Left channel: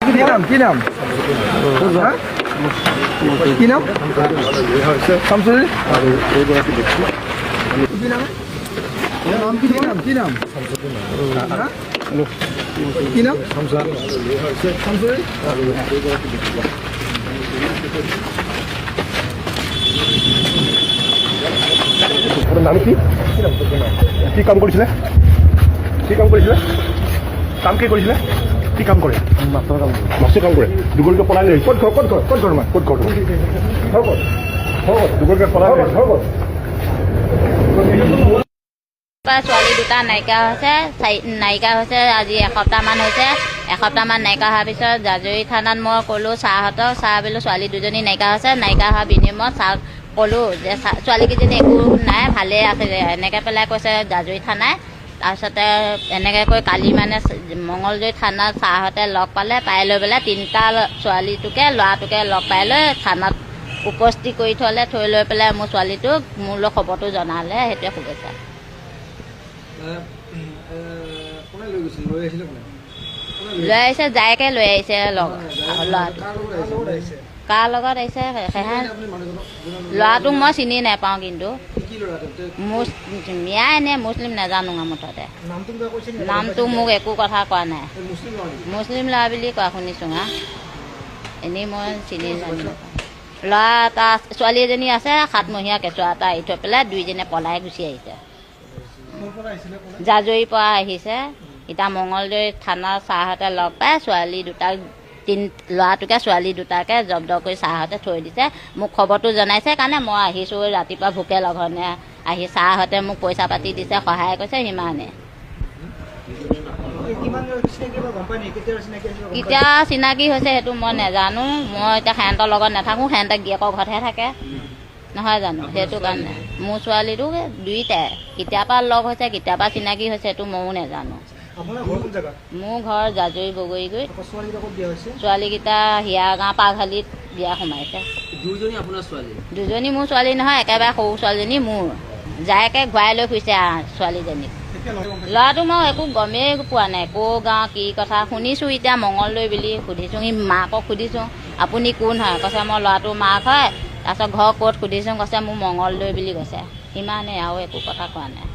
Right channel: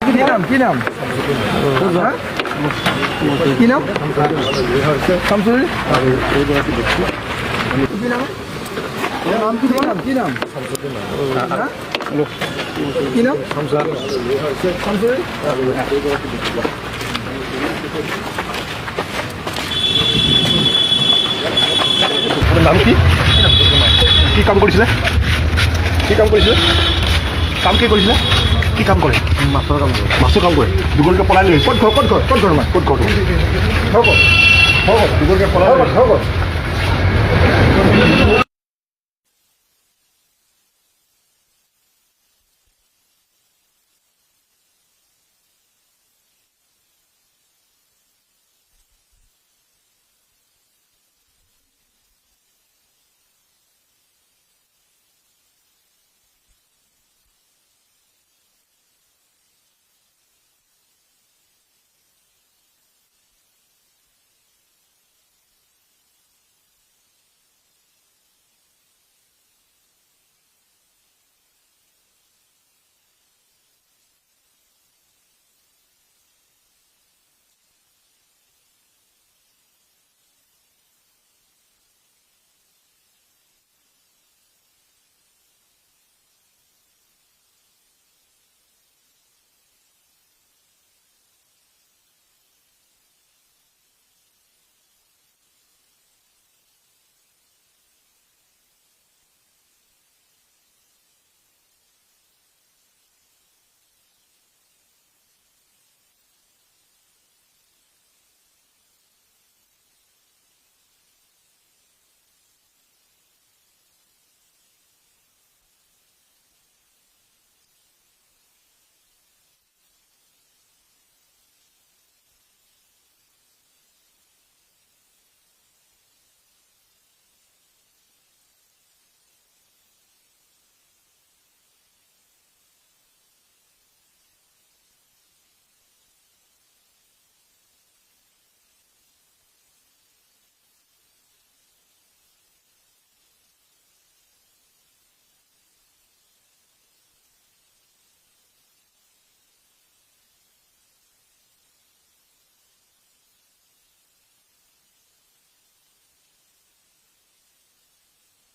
কি নাম কি নাম শামসুল কি নাম কি নাম শামসুল নাম কি কি কাম কৰিছিলে কি কাম কৰিছিলে কাম কি কৰিছিলে কি কাম কৰে মাছৰ কাম কৰে দুগলকে পলাই লৈ ক'ত ঘৰ দুগলকে পলাই লৈ ছোৱালী দুটা নাইকিয়া হৈছে আজি এসপ্তাহমান হৈছে এসপ্তাহমান নাইকিয়া হোৱাৰ পিছত জাজৰি থানাত মই ক'লোঁ ছাৰহঁতক বোলো ছোৱালী দুজনী নাইকিয়া হৈছে নাইকিয়া হোৱাৰ বিনিময়ত ছাৰক ক'লোঁ যে ছোৱালীকেইজনী একো নাই ভালেই আছে এনেকৈ পেলাই কৈছে জাজৰি থানাই তাৰপিছতে এনেকৈ কৈ কালি মানে মঙলদৈ থানাত ছাৰহঁতে লগ পালে পাই লৈ পেলাই তিনিটা ছোৱালীটোকে ল'ৰাটোকে লগ পাই লৈ থানাত উপস্থিত কৰি থৈ লৈ পেলাই মোৰ ছোৱালীটোক মোলৈ খবৰটো জনালে সেইটোৱে শুভেচ্ছা লৈ আহিছে জায়েকে লৈ আহিছে ল'ৰাটো কাৰ লগত আহিছে ল'ৰাটোক মই চিনি নাপাওঁ কিন্তু মিয়া এনে মুছলিম নাজানো মুঠতে নামটো মোক একো কথা কোৱা নাই মুছলিম ল'ৰা বুলি কোৱা শুনিছোঁ এনেই মই চিনি জানি নাপাওঁ ল'ৰা এটা ছোৱালী এজনী আছে 7 মহীয়া কেঁচুৱা এটা এৰি থৈ পেলাই দুইজনে পলাই গুচি আহিছে জাজৰিৰ পৰা আহিছে এতিয়া মঙলদৈ থানাৰ ছাৰহঁতে লগ পাই ছোৱালী দুটাক ল'ৰাটোকে ছোৱালী দুটাকে জব্দ কৰি ছাৰহঁতে থৈ দিছে মোক খবৰটো জনাইছে কাৰণে মই আহিছোঁ ৰাতিপুৱা ভোকে লঘনে আহি ছাৰহঁতে মোক পইচা পাতি দিছে সহায় কৰিছে সিমানে কেতিয়া চিনাকি হৈছে সেইটো মই নাজানো মই এতিয়া সিহঁতৰ লগত নাথাকোঁ সিহঁতে গিয়েকৰ ঘৰতহে থাকে নহয় জানো সেইটো কাৰণে মোৰ ছোৱালীটো দুইটাই কেতিয়াবা লগ হৈছে কেতিয়াবা চিনাকি হৈছে সেইটো ময়ো নাজানো মোৰ ঘৰ জাজৰি বগৰীগুৰিত ছোৱালীকেইটা হিয়াগাঁও পাঘালিত বিয়া সোমাইছে দুজনী মোৰ ছোৱালী নহয় একেবাৰে সৰু ছোৱালীজনী মোৰ জায়েকে ঘূৰাই লৈ ফুৰিছে ছোৱালীজনীক ল'ৰাটো মই একো গমেই পোৱা নাই ক'ৰ গাঁও কি কথা শুনিছোঁ এতিয়া মঙলদৈ বুলি সুধিছোঁ সি মাকক সুধিছোঁ আপুনি কোন হয় কৈছে মই ল'ৰাটোৰ মাক হয় তাৰপিছত ঘৰ ক'ত সুধিছোঁ কৈছে মোৰ মঙলদৈ বুলি কৈছে সিমানেই আৰু একো কথা কোৱা নাই